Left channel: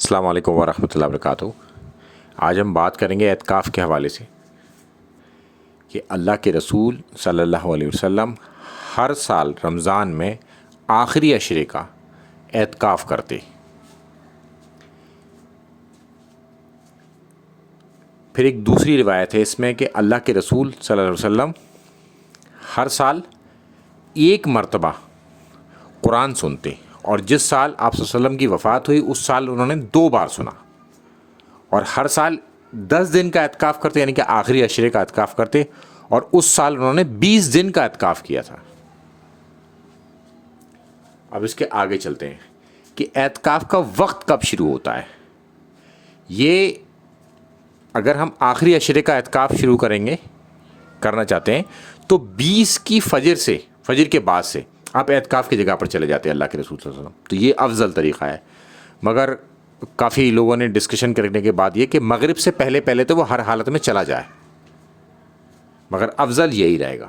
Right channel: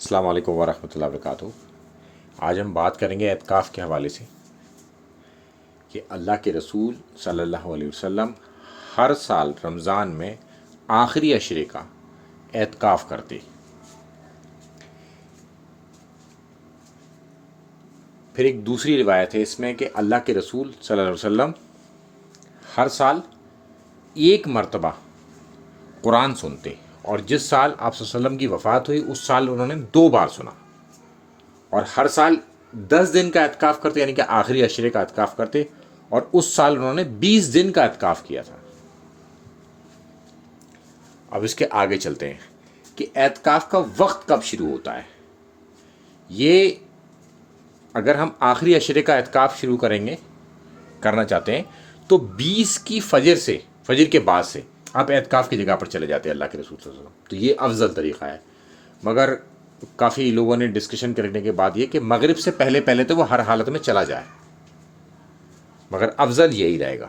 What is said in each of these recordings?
السلام علیکم ورحمۃ اللہ وبرکاتہ۔ آج ہم بات کریں گے اعتکاف کے حوالے سے کہ اللہ کے رسول صلی اللہ علیہ وسلم ہر سال رمضان میں آخری عشرے کا اعتکاف کرتے۔ پھر ایک دوسری روایت ہے اس میں کہ اللہ کے رسول صلی اللہ علیہ وسلم ہر سال ایک مرتبہ قرآن سنتے، اور جس سال آپ صلی اللہ علیہ وسلم کی وفات ہوئی اس سال انہوں نے 2 بار سنا، اور ہر سال 10 دن کا اعتکاف کرتے، یعنی کہ آخری عشرے کا اعتکاف کرتے، اور اس سال انہوں نے 20 دن کا اعتکاف کیا تھا۔ اب اس کے آگے چلتے ہیں کہ اعتکاف کا وقت کب شروع ہوتا ہے۔ یہ اگر ہم آخری عشرے کا اعتکاف شروع کرنا چاہتے ہیں تو 20 کی فجر کے بعد سے آپ اعتکاف کی جگہ پر چلے جاتے ہیں اللہ کے رسول صلی اللہ علیہ وسلم، تو یہ افضل طریقہ ہے۔ مگر کافی لوگوں نے ڈسکشن کرنے کے بعد یہ کہ مغرب سے پہلے تو وہ ہر حالت میں چلا جائے، مگر افضل یہی رہے گا۔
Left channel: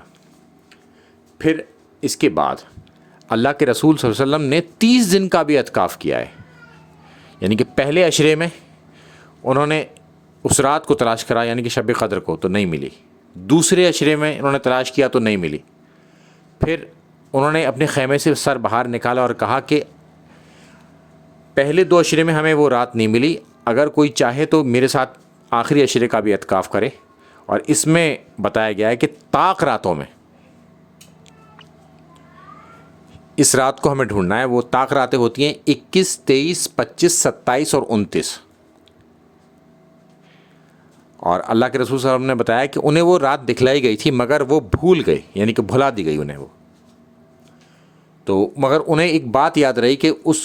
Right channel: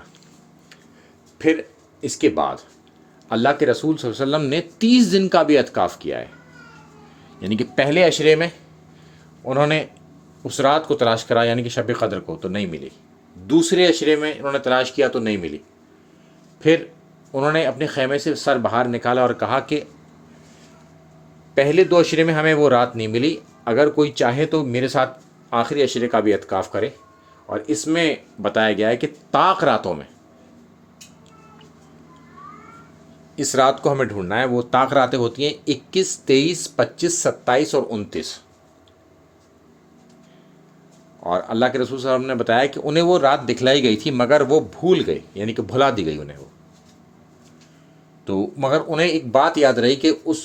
پھر اس کے بعد اللہ کے رسول صلی اللہ علیہ وسلم نے 30 دن کا بھی اعتکاف کیا ہے، یعنی کہ پہلے عشرے میں انہوں نے اس رات کو تلاش کرا، یعنی کہ شب قدر کو، تو نہیں ملی۔ دوسرے عشرے میں انہوں نے تلاش کیا تو نہیں ملی۔ پھر انہوں نے اپنے خیمے سے سر باہر نکالا اور کہا کہ پہلے 2 عشرے میں ہمیں وہ رات نہیں ملی، اگر کوئی چاہے تو میرے ساتھ آخری عشرے کا بھی اعتکاف کرے۔ اور اس میں بتایا گیا ہے کہ طاق راتوں میں اس رات کو ہمیں ڈھونڈنا ہے۔ وہ طاق راتیں ہوتی ہیں 21، 23، 25، 27 اور 29۔ اور اللہ کے رسول صلی اللہ علیہ وسلم نے بتایا کہ انہیں وہ رات دکھلائی گئی تھی مگر وہ بھول گئی، یعنی کہ بھلا دی گئی انہیں وہ۔ تو مگر انہیں ایک بات یاد رہی کہ اس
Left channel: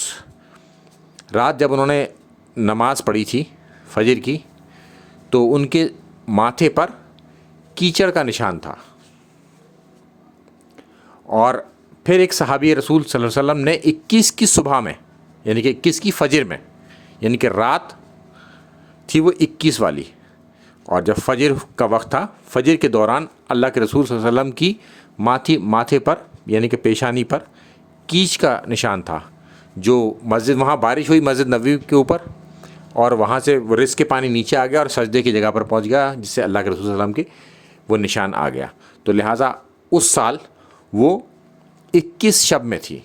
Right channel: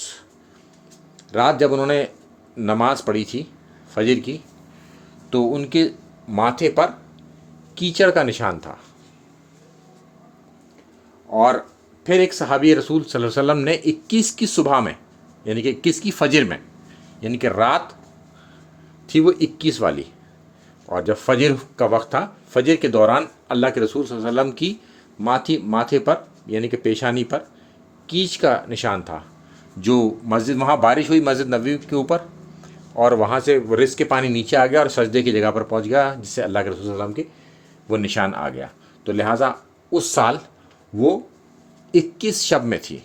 رات جب انہوں نے نماز پڑھی تھی فجر کی تو ان کے ماتھے پر کیچڑ کا نشان تھا۔ اور پھر ایک صحابی رسول صلی اللہ علیہ وسلم نے 21 کی صبح میں، یعنی کہ 21 کی فجر میں، یعنی کہ رات تھی وہ 21 والی، اور جب فجر کا وقت تھا، فجر کے دوران اللہ کے رسول صلی اللہ علیہ وسلم کی ماتھے پر، یعنی کہ پیشانی پر کیچ کا نشان تھا، جو وہاں بارش ہوئی مسجد نبوی کے اوپر، اور وہاں سے وہ رزق کے پانی نیچے آ گیا اور سجدے کی جگہ پر پہنچ گیا، جس سے اللہ کے رسول صلی اللہ علیہ وسلم کے وہ نشان آ گیا۔ تو لہٰذا اس سال وہ 21 شب میں تھی۔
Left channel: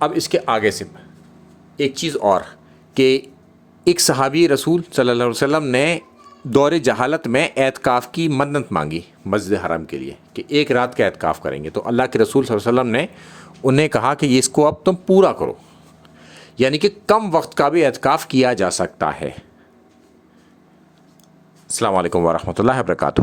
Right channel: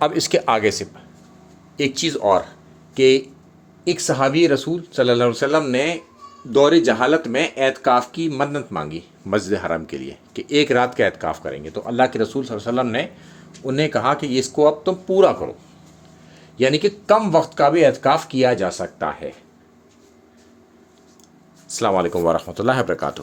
اب اس کے آگے سے ایک چیز اور کہ ایک صحابی رسول صلی اللہ علیہ وسلم نے دور جہالت میں اعتکاف کی منت مانگی مسجد حرم کے لیے کہ 1 رات کا اعتکاف کریں گے، تو اللہ کے رسول صلی اللہ علیہ وسلم نے انہیں کہا کہ اس کو اب تم پورا کرو، یعنی کہ کم وقت کا بھی اعتکاف کیا جا سکتا ہے۔ السلام علیکم ورحمۃ اللہ وبرکاتہ۔